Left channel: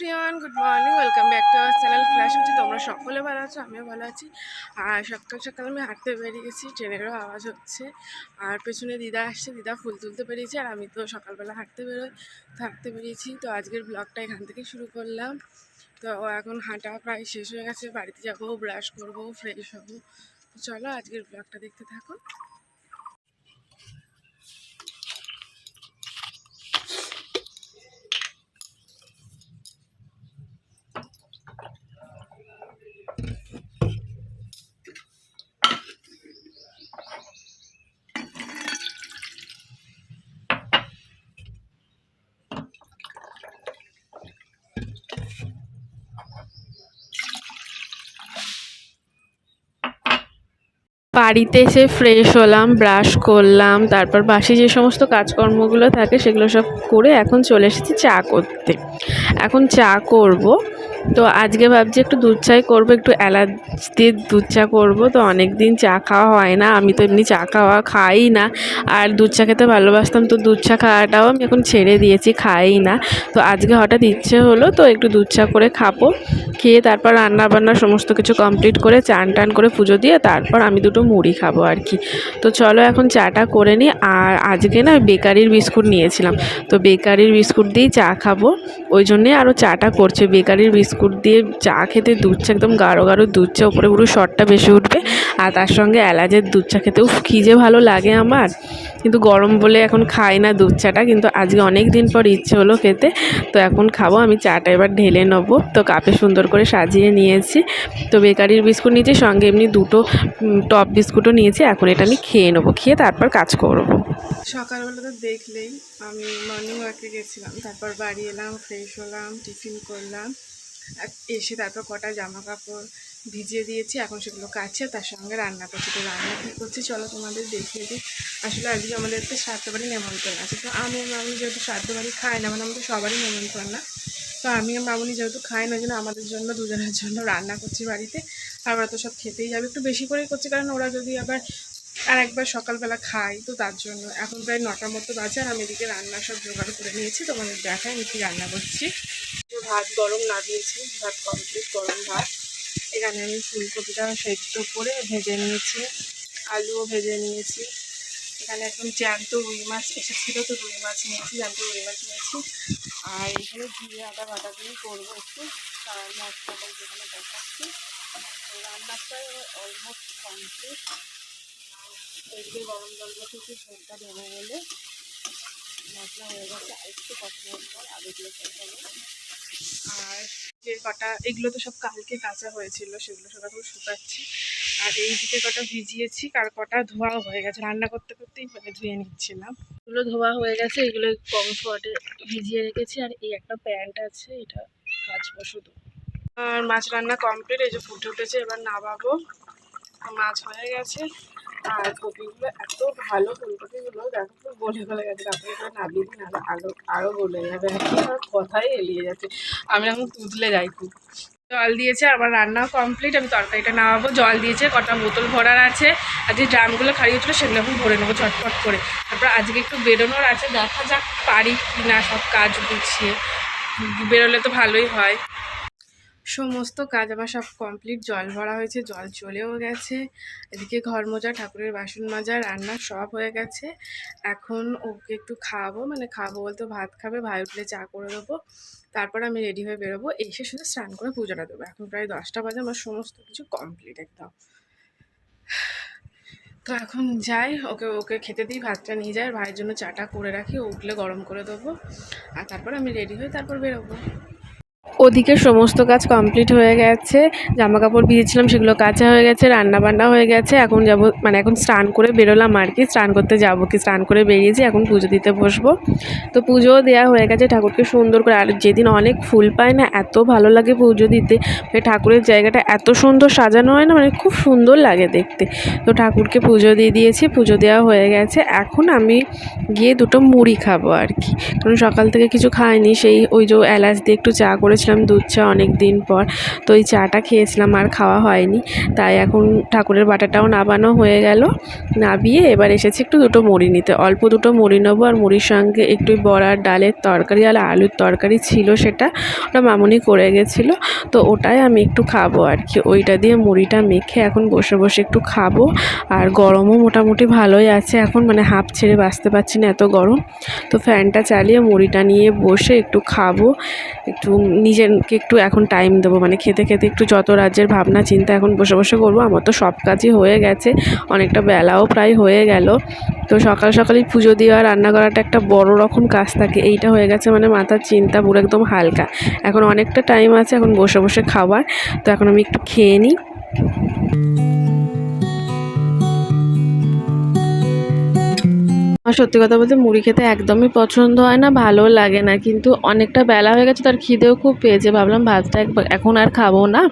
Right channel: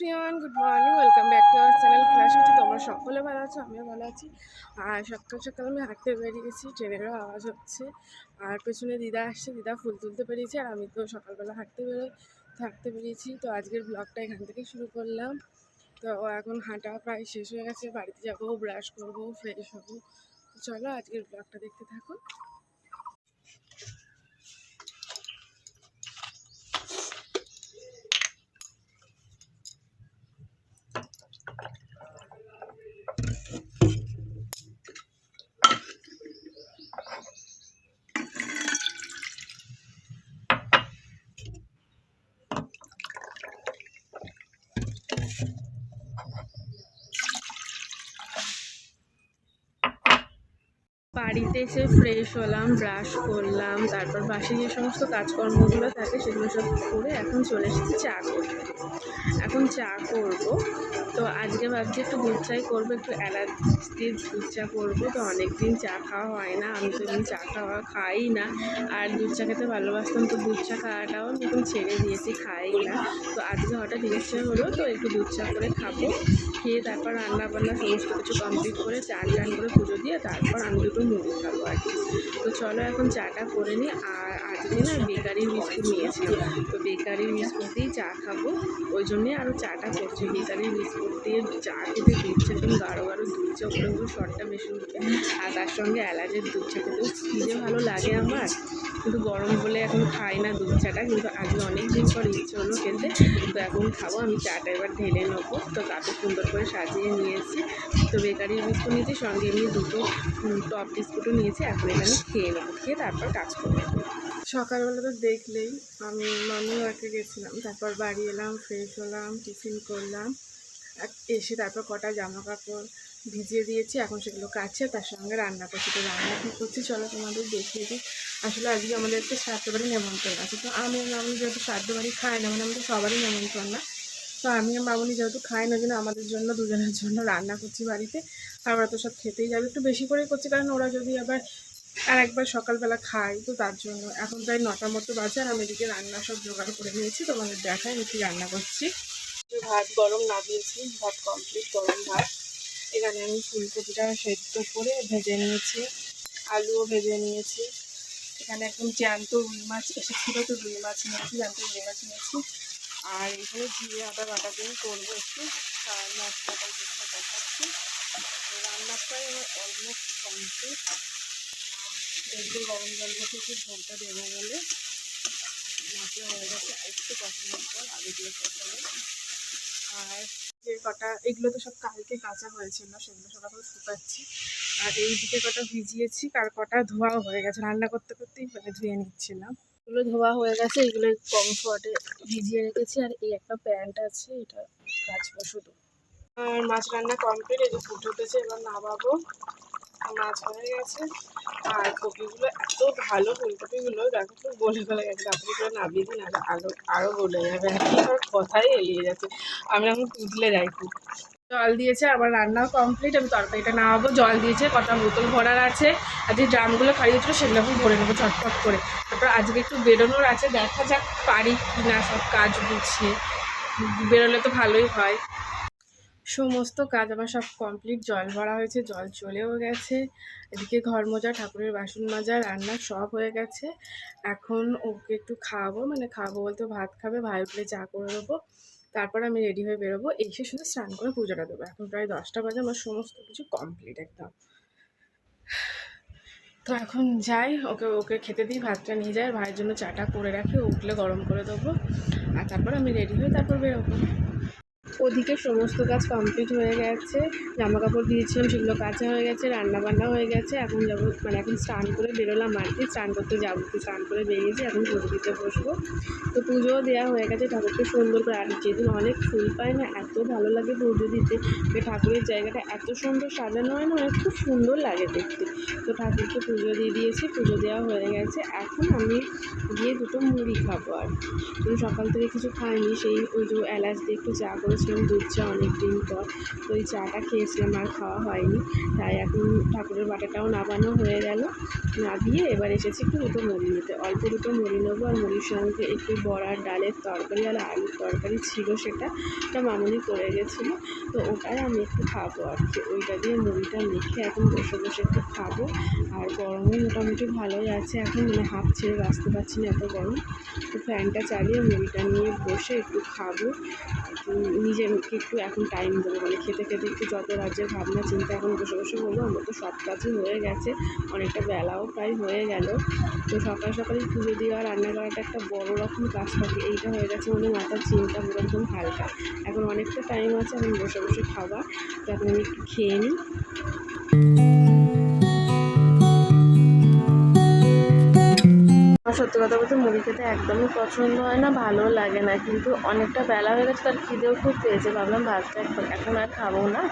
Everyone, good morning. Welcome back to our channel flash হচ্ছে। তোমরা সকলে ভালো আছো, আমিও ভালো আছি। আর সকাল সকাল আমি হাঁটতে বেরিয়েছি, ট্রেনেরও আওয়াজ হচ্ছে। আর পেছনে দিদা আসছে, দিদা ফুল তুলতে পেরিয়েছে। আর আমি তো সকালবেলা হাঁটতে বেরিয়েছি। তো আজকের ব্লগটা এখান থেকে শুরু করলাম। তো এখন হাঁটা প্রায় শেষ হয়ে গেছে, বাড়িতে যাবো, ব্রাশ করবো, ফ্রেশ হবো। তো চলো আজকের ব্লগটা দেখতে থাকো। বাড়িতে এসে ফ্রেশ হলাম, ব্রাশ করলাম, তারপর বাসি যে সমস্ত কাজকর্মগুলো থাকে সেগুলো সব করে এখন চলে এসেছি চা করতে। এখন চা করব। তো আজকে ভাবছি একটু দুধ চাই করবো, একটু এলাচ দিয়ে দুধ চা করবো। তো অনেক দিন চা খাওয়া হয় না, আমি তো এমনি চা খাই না। আর দুধ চা খেতে ভালোবাসতাম, তো দুধ চা খাওয়াটাও আমি এখন ছেড়ে দিয়েছি, খাই না। তো আজকে হঠাৎ ইচ্ছে হলো, তো একটু দুধ চা করে খাবো। খেয়ে তারপর রান্নাবান্না সমস্ত কিছু কমপ্লিট করে চান টান করে পুজো দিয়ে তারপর আমি দুটো মুড়ি খাবো আর কি। তো চলো এখন চাটা করে নিই। আর আজকে না বেকারির বিস্কুট নিয়েছিলাম, তো বেকারির বিস্কুট দিয়েই চা খাবো, ওই জন্যে আরও চাটা করছে। বেকারির বিস্কুট দিয়ে চা খেতে, দুধ চা একদম গাঢ় গাঢ় দুধ চা, উপরে পুরো শর্টটা বেশি উঠবে। আর তার সঙ্গে এলাচের দুধ চা খেতেও কী যে ভালো লাগে আমার। কিন্তু গরম বলে এখন খাই না দুধ চাটা, কিন্তু আজকে অনেক দিন পর ইচ্ছে হলো খেতে, তো এখন খাবো। আমি চাটা এবার ঢেলে নেবো। তো কাপে সুন্দর করে সাজিয়ে নিয়েছি। তো বেকারির বিস্কুট নিয়েছি, সঙ্গে এমনি দুটো টপ বিস্কুটও নিয়েছি। এখন এটা আমি খেয়ে নেবো, খেয়ে তারপর কাজ করবো। সকালবেলা তো দেখলেই আমি মর্নিং ওয়াকে গেছিলাম, তারপর বাড়ি এলাম, ফ্রেশ হলাম, টিফিন করলাম, এসে তারপর কটা জামা কাপড় ভিজিয়ে দিয়েছি, এখন সেগুলো কাছে, তার সঙ্গে রান্না করছি। তো রান্না কী করছি চলো তোমাদের দেখিয়ে দিই। আসলে আজকে আমাদের একটা শ্রাদ্ধ বাড়ি নেমন্ত্রণ আছে। তো আমি আর মামনি যেহেতু শ্রাদ্ধ বাড়ি খাই না, মানে আমাদের সবারই নেমন্ত্রণ না, তো আমি আর মামনি যেহেতু খাই না, জন্য আমাদের জন্য দুজনের জন্য রান্না করছি বাড়িতে। আর ওরা তো সব খেতেই যাবে, একটু বেশি করেই করছি, কারণ ওরা যদি আবার আর একবার সকালবেলা খাই, তো তার জন্য। এখন প্রায় 9টার মতো বাজে, আর আমি এদিকে রান্না সব জোগাড় করে নিয়েছি, তোমাদের দেখাই আমি কি রান্না করছি। ভাত গরম না দিয়েছি, ভাত কমপ্লিট, গরম ভাত। এখানে আমি ফুলকপিটা সেদ্ধ করে ভেজে নিয়েছি, আলুও ভেজে নিয়েছি। এখানে একদম জ্যান্ত রুই মাছ এসেছিলো, তো রুই মাছ নিয়েছি, জ্যান্ত রুই মাছ নিয়েছি। আর এখানে জিরে আদা বাটা দিয়ে করবো একটু, আর মশলাটা যেখানে দেখাচ্ছি। রান্না প্রায় আমার অলমোস্ট কমপ্লিট। একটু গরম জল বসেছি ঝোলটা দেবো বলে। মশলা হয়ে গেছে, আর একটু কষানোর পর আলু দিয়ে কষাবো। আর যে কটা, এগুলো তো সব কালকে কাঁচা হয়েছিল, সেগুলো সব এখন শুকাচ্ছি। আর এই দিকে কটা ভিজিয়েছি, আর কটা ধোয়াও হয়ে গেছে, রান্না করতে করতেই মানে ধুয়ে নিচ্ছিলাম। এগুলো ধোয়া হয়ে গেছে, এগুলো কমফর্টে ভিজিয়ে রেখেছি। আর এই একটা প্যান্ট আছে, এটা কাচবো শুধু। আর মাছ রান্না কমপ্লিট, এই যে ফুটে উঠেছে, এবার নামাবো। মাছ হয়ে গেছে। আর কপিগুলো এত ভালো, ফুলকপিগুলো দেখো তো গলে গলে গেছে, তারপরে করে নামিয়ে দিন, আরও গলে যাবে আর কি। আর কথাই এলিয়ে যাচ্ছে, আমি এখন তুতলে যাই খুব। জল দিয়েছে, আমার রান্নাও কমপ্লিট, আমি তরকারিটা নামাবো। জল দিয়েছে, কটা বোতল ভরার আছে, আর যে ড্রামগুলো খাইয়েছিল সেগুলো এখন ভরে নেবো চটপট করে। তারপর আজকে একটু বেরোনোর আছে, দেখা যাক পারি কি না সব কাজ গুছিয়ে। বেরোলে তো ভালোই হয়। সমস্ত কাজ আমার সব কমপ্লিট, জল ভরা হয়েছে, জল চলেও গেছে। এদিকে ঘর মোজা, ঠাকুরের বাসন মাজা, রান্না সব হয়ে গেছে। এখন ওকে একটু খাওয়াবো, মানে খাওয়াবো বলতে ভাত খাবে, ভাই উঠলে চা করে দেবো, তারপর আমি রেডি হয়ে বেরোবো। এসে শুধু স্নান করে পুজোটা দেবো। এখন প্রায় 10টা বাজে, আমার সমস্ত কিছু কমপ্লিট একদম। তো এখন যাই, ওকে খেতে দিই, ভাতটা নিয়ে যাই, ভাইয়ের জন্য চাটা করে রাখি, উঠলে গরম করে দেবো। আর তারপর আমি রেডি হয়ে তারপর বেরোবো। ওদিকে সমস্ত কাজ কমপ্লিট হয়ে গেছে, জামা কাপড় ভিজেছিলাম সেগুলো কাচা হয়ে গেছে, রান্না বান্না হয়ে গেছে। এখন যাব, মানে এখন স্নান করে বেরোলাম আর কি। স্নান করতে যাবো কি, স্নান করে বেরিয়েছি, এখন পুজো দিতে বসবো। তো পুজোও দেওয়া হয়ে গেছে, ঠাকুরকে সুন্দর করে। আর যেদিন অনেক ফুল পায় না, এত ভালো লাগে পুজো দিতে, ঠাকুরের জায়গাটা এত সুন্দর সাজানো হয় না, মানে খুব সুন্দর লাগে দেখতে। তো ঠাকুরকে পুজো দিয়ে দিয়েছি, পুজো দেওয়া হয়ে গেছে। এখন আমি গিয়ে দুটো মুড়ি খাবো আর কি, কারণ সকাল থেকে কিছু খাইনি। সেই ওই যে এলাচ দিয়ে একটু চা করেছি, করেছিলাম দুধ চা অনেক দিন পর। তো ওই চাটা খেয়েছিলাম, আর খাওয়া হয়নি। তাই এখন ঠাকুরের বাটাটাও নাবানো হয়ে গেল। নাবিয়ে এবার এসেছি একটু দুটো মুড়ি নিতে, অল্প দুটো মুড়ি নেবো। আর মুড়ির সঙ্গে একটু বড়ার ডালের তরকারি আর আলুর তরকারি ছিল, সেটা ওটা মামুনি করে গেছিলো। তো ওটাই আমি একটু খাবো আর কি। ওইটা দিয়ে মুড়িটা মেখে এখন বসে বসে একটু খাবো। আর গরমও মোটামুটি ভালোই আছে এখন, মানে হাঁপ ছেড়ে বাঁচতে পারছি না, এত গরম। তো ফ্যানটা চালিয়ে মুড়িটা নিয়ে বসে একটু খাবো, একটু নিজেকে একটু এখন টাইম দেবো। মানে খেতে খেতে একটু যত রাজ্যের ভাবনা চিন্তা এখন বসে বসে করবো। আমার তো সব কাজই হয়ে গেছে, অনেকটা বেলাও প্রায় হয়ে গেল। তো সকাল সকালই পুজো দেওয়া, রান্না করাটা একটা বড় রকম কাজ থাকে। এইটা হয়ে গেছে মানে মাথার চিন্তা পুরো একদম হালকা। এখন অনেকটা টাইম আছে, এখন বসে বসে খাবার। তো এখন আমি একটু খেয়ে নিই। আমার সত্যি কথা বলতে মুড়ি খেতে একদমই পছন্দ হয় না, ভালো লাগে না। কিন্তু অনেকটা বেলা হয়ে গেছে, তার খিদেও খুব পেয়েছে। ভাবলাম ভাতটা এখন আর খাবো না,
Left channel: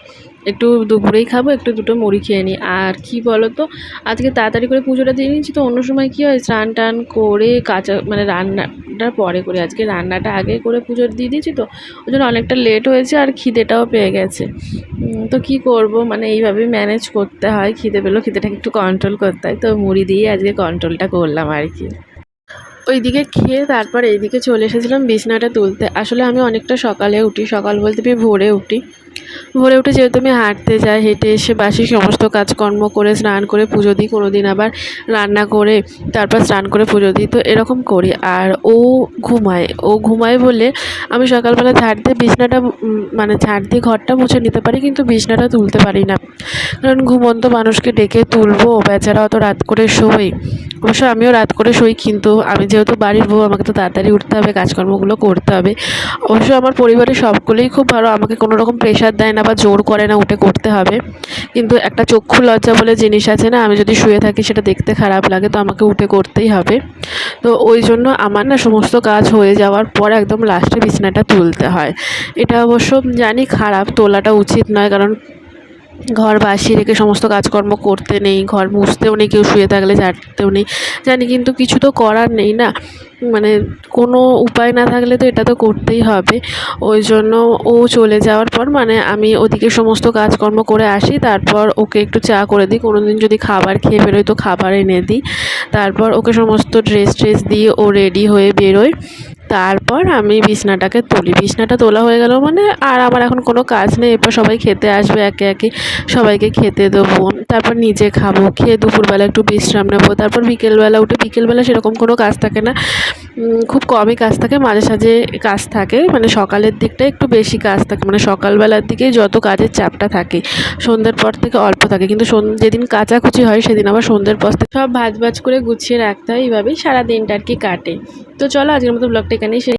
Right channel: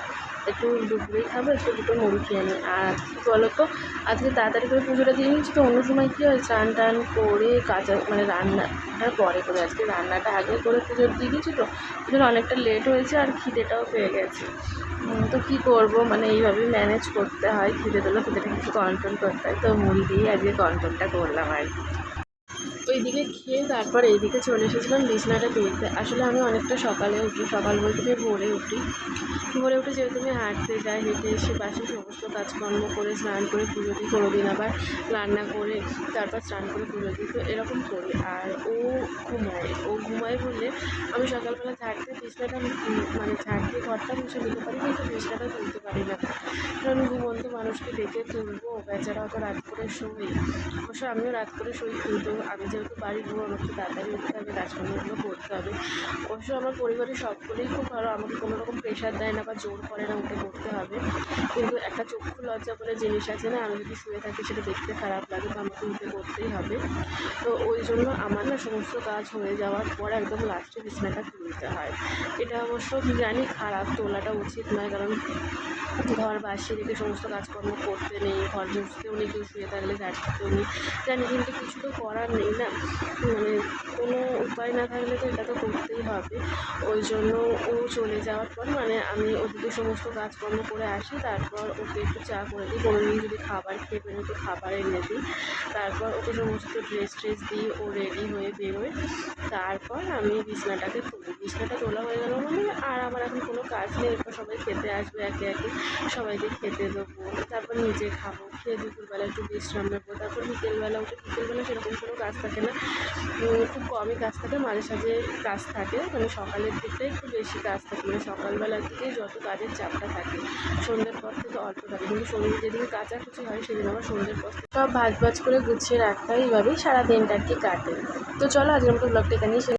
একটু দুপুরেই খাবো, একটু দুটো মুড়ি খেয়ে নিই। আর কি বলো তো, আজকে তাড়াতাড়ি করে পুজোটা দিয়ে নিয়েছি। তো অন্য সময় কী হয়, স্নান টান করে কাঁচা মানে রান্নাটা পরে করে, আজকে রান্নাটা আগে করে পুজো দিয়ে দিয়েছি। তো ওই জন্য অনেকটা লেট হয়েছে, আর খিদেটাও পেয়ে গেছে। তো কী করব, মানে এইভাবেই ম্যানেজ করতে হয়। খিদে পেলেও খিদেটাকে একটু কন্ট্রোল করতে হয়। তো মুড়ি দিয়ে আজকে কন্ট্রোলটা করলাম আর কি। ওইদিকে খেয়ে তারপর এইদিকে চলে এসেছিলাম বিছনাটা তুলতে। আসলে আমি অনেকটা সকালে উঠি, সকাল বলতে ভোরে উঠি। ভোরে উঠে যেহেতু আমি হাঁটতে যাই, হেঁটে এসে বাসি সমস্ত কাজকর্ম করে স্নান করে পুজো দিই, কোনো দিন আবার রান্না করে তারপর স্নান করে পুজো দিই। তো এরকম করি। আর ও ঘুমায় বলে আমি সকালবেলা ঝাড় দিয়ে বিছনাটা মানে ঝাড় দিয়ে ঘরটা মুছে নিতে পারি, কিন্তু বিছনাটা তুলতে পারি না। কারণ ঘুমন্ত মানুষকে ডেকে তুলবো, বেচারা অত রাত করে শোয়। অবশ্য আমিও রাত করে শোই, কিন্তু আমি যেহেতু বাড়ির বউ, আমাকে তো তাড়াতাড়ি উঠতে হবে, কাজকর্মগুলো করতে হবে। অবশ্য আমার পরিবারের সবগুলোই খুব ভালো, আমাকে কোনো রকম প্রেশার দেয় না বা জোর করে না উঠে করতে হবে। কিন্তু একটা চক্ষু লজ্জা বলে জিনিস আছে না, আমি যদি শুয়ে থাকি সেটা দেখতে খারাপ লাগে, তো আমাকে উঠে করতেই হবে। তো ওই জন্য আমার না সমস্ত কাজ হয়ে যাওয়ার পর একদম লাস্টে বিছানাটা তুলতে হয়। এটা অবশ্য জানি খারাপ, তোলাটা উচিত নয়, কারণ ঘর বাসি রেখে সমস্ত কাজকর্ম করতে নেই, ঘর মুছতেও নেই, কেউ শুয়ে থাকলে ঝাড়তেও নেই, জানি। কিন্তু কিছু তো করার নেই না, মানে কোনো উপায় না থাকলে তো এটা তো করতেই হবে। ওই জন্য ও চলে যাওয়ার পর মানে আমি ওদিকে সমস্ত কাজকর্ম করে আসি, তারপর ওকে একটু চা করে দিই। কোনো দিন যদি খাবার খেয়ে বেরোয় তো খাবার এনে দিই। তারপর ওকে সমস্ত ড্রেস দিয়ে ও রেডি হয়ে বেরোয়। তারপর আমি বিছনাটাকে তুলি। বিছনাটা তোলা হয়ে গেল মানে আর আমার এখন কোনো কাজ নেই। এরপর সবাই খেতে আসবে, একে একে সবাইকে খেতে দেবো, তারপর নিজে খাবো, খেয়ে দুপুরবেলা একটু বিশ্রাম নেবো। তারপর বিকেলবেলা উঠে, বিকেলবেলা সেরকম কোনো কাজ থাকে না, খুব কমই কাজ থাকে, মাঝে সাঝে কাজ থাকে। মানে সকালের দিকটা একটু বেশি কাজ থাকে, মানে সকালবেলার দিকেই যত কাজের চাপটা থাকে, সন্ধ্যের পর থেকে অল্প থাকে। কিন্তু যেদিন কাচাকুচি হয় সেদিন আবার সন্ধ্যের পর থেকে সব ভাজ করে গুছিয়ে রাখতে হয়। এইভাবেই সারা দিনটা আর কি কাটে। তো চলো আজকের মতো ব্লগটা এখানেই শেষ।